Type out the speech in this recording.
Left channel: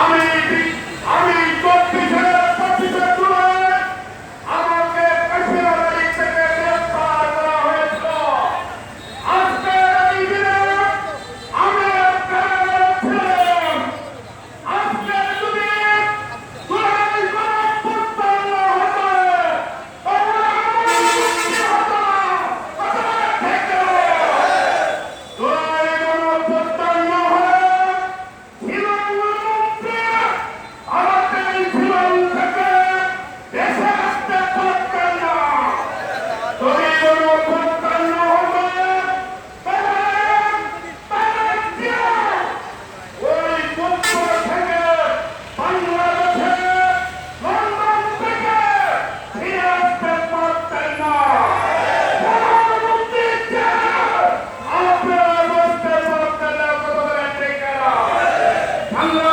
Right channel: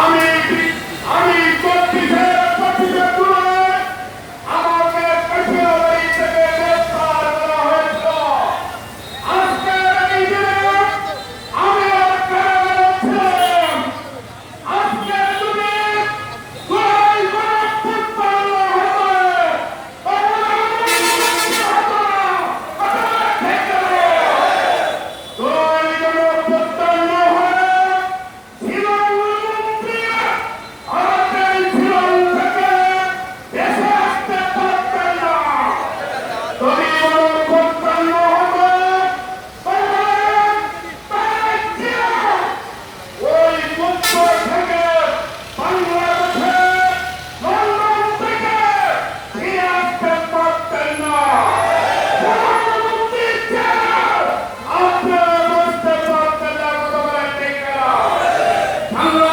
আমি আমি 24-এর পঁচিশে জুলাই আমাকে কাশ্মীরি থেকে গ্রেফতার করা হয়েছিল। আজকে এই দিনে আমি কারাগারে ছিলাম। আজকে যদি জুলাই গণঅভ্যুত্থান না হতো তাহলে আমাদের হতো না। জুলাই গণঅভ্যুত্থান না হলে বাংলা